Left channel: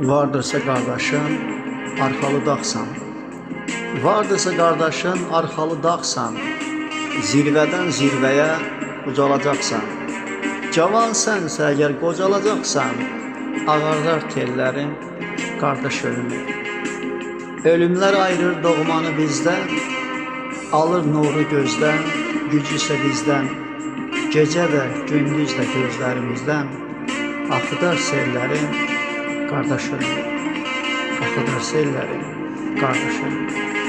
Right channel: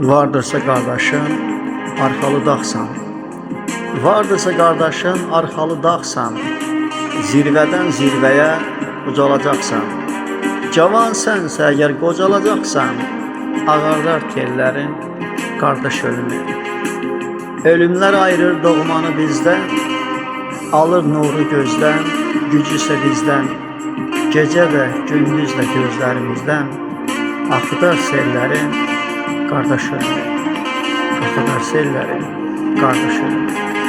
Vardırsa qardaşın, arxalı dağsan. Vardırsa qardaşın, arxalı dağsan. Zirvədən zirvəyə ucalacaqsan. Cavan sənsə əgər qocalacaqsan, ağardar tellərin qardaş ölümü. Ölümlər ayırır doğmanı bizdən, alır nuru gözdən, gücü isə bizdən. Gecə də, gündüz də gözlərimizdən axıdar sellərin qardaş ölümü. Axıdar sellərin qardaş ölümü.